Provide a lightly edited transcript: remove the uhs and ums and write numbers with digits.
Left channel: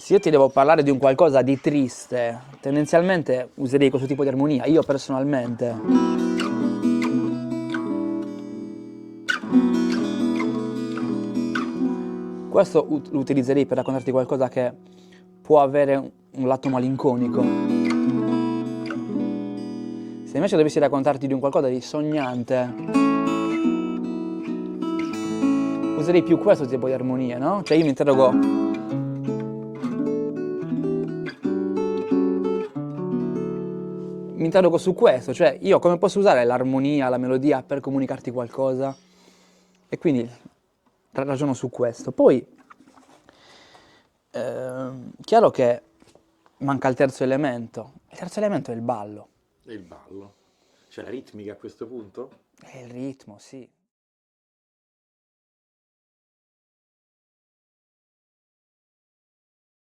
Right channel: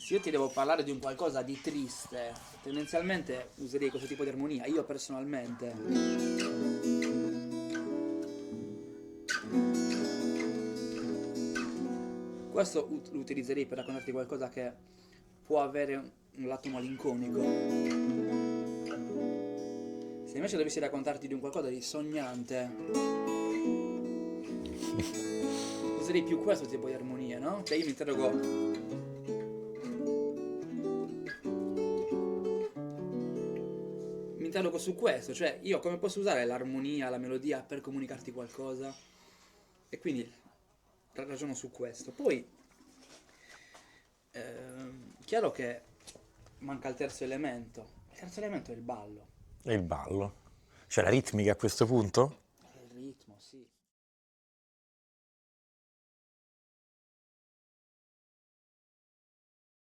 Se io ti devo parlare di un qualcosa di triste, tendenzialmente userei questo tipo di armonia, io personalmente. Questo lo utilizzerei per raccontarti qualcosa che può avere un lato malinconico. Se invece dovessi raccontarti di un qualcosa di sognante, userei più questo tipo di armonie, no? Cioè io mi interrogo su questo, cioè io come posso usare l'armonia, la melodia per comunicarti qualcosa? E quindi ragiono su questo. Poi, chiaro che manca il terzo elemento. Il terzo elemento è il ballo, E il ballo. Cioè la ritmica a questo punto? è il ritmo, sì.